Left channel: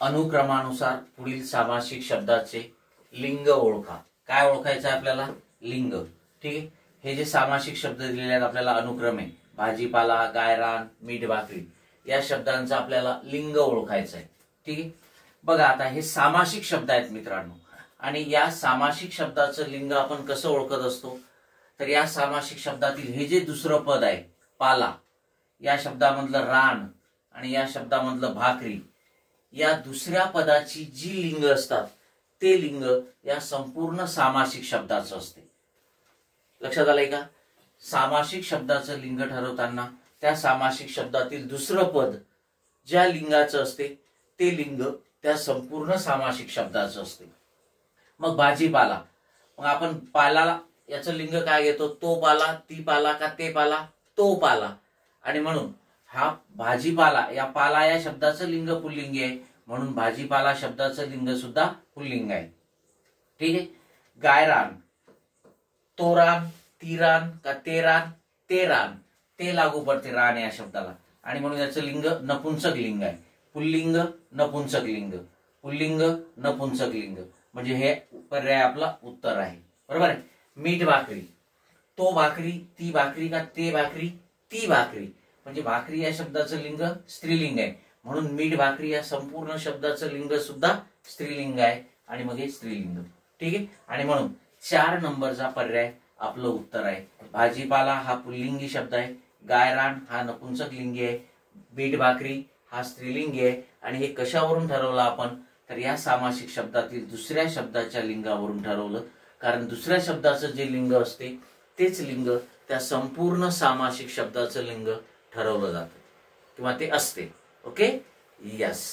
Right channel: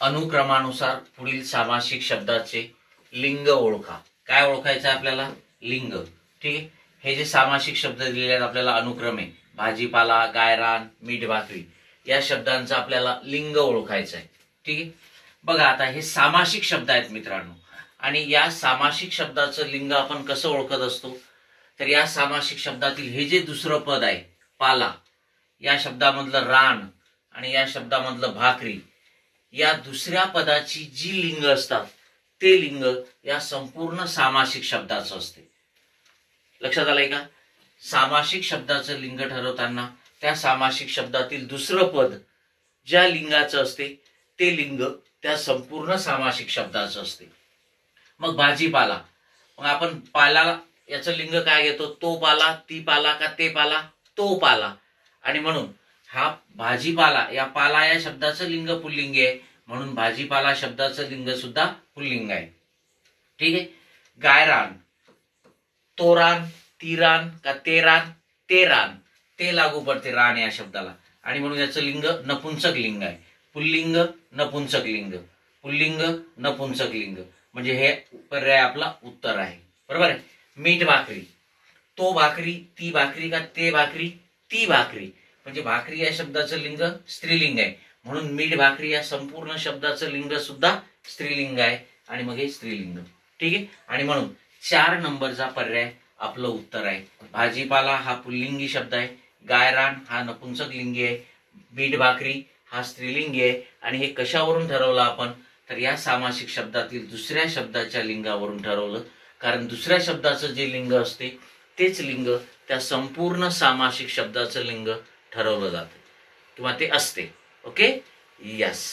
अनुक्रमानुसार पुढील सामासिक शब्दाचे लिंग ओळखा। काय ओळखायचं आपल्याला? लिंग। ठीक आहे। हे जे सामासिक शब्द दिलेले आहेत आपल्याला अनुक्रमे भाजीपाला, गायरान, मीठ भाकरी या शब्दांचं आपल्याला लिंग ओळखायचं आहे। ठीक आहे। बघा आता हे सामासिक शब्द आहेत मित्रांनो, आणि या सामासिक शब्दाचं लिंग आपण कसं ओळखत असतो? तर या सामासिक शब्दातील हे जे दुसरं पद आहे पाला, या शब्दामधलं रान आणि या शब्दामधलं भाकरी, या दुसऱ्या पदाची जी लिंग असतात ते लिंग या संपूर्ण सामासिक शब्दाचं असते। लक्षात आलंय का? सामासिक शब्दाचं लिंग ठरवताना त्या सामासिक शब्दातील दुसरं पद ज्या लिंगाचं असते ते लिंग त्या संपूर्ण सामासिक शब्दाचं असते। मग भाजीपाला, मग आपण पाला याचं लिंग काय घेतो? तो पाला, ती पाला का ते पाला? तो पाला। आणि म्हणून हा भाजीपाला या पाला या शब्दाचं लिंग पुल्लिंग आहे, म्हणून भाजीपाला शब्दाचं लिंग सुद्धा पुल्लिंग आहे। ठीक आहे। गायरान, तो रान, ती रान का ते रान? ते रान, ते लागू पडते रान या शब्दाला, आणि म्हणून याचं लिंग नपुंसक लिंग आहे। पुल्लिंग नपुंसक लिंग, पुल्लिंग नपुंसक लिंग, म्हणजे हे पर्याय आपला उत्तर आहे। बरोबर आहे। मीठ भाकरी, तो भाकरी, ती भाकरी का ते भाकरी? ती भाकरी, म्हणजे भाकरी या शब्दाचं लिंग स्त्रीलिंग आहे, म्हणून मीठ भाकरी या संपूर्ण शब्दाचं लिंग सुद्धा स्त्रीलिंग आहे, आणि मग हे स्त्रीलिंग। ठीक आहे। आणि म्हणून 4 नंबरचा पर्याय आपलं उत्तर आहे। भाजीपाला हा पुल्लिंगी शब्द आहे, गायरान हा नपुंसक लिंगी आहे, मीठ भाकरी हा स्त्रीलिंगी आहे, आणि हे कशावरून ठरवलं आपण? तर या सामासिक शब्दातील दुसऱ्या शब्दाच्या लिंगावरून ठरवलं, कारण दुसऱ्या शब्दाचं जे लिंग असते तेच लिंग त्या संपूर्ण सामासिक शब्दाचं लिंग ठरवलं जातं किंवा ते असते। Okay, yes.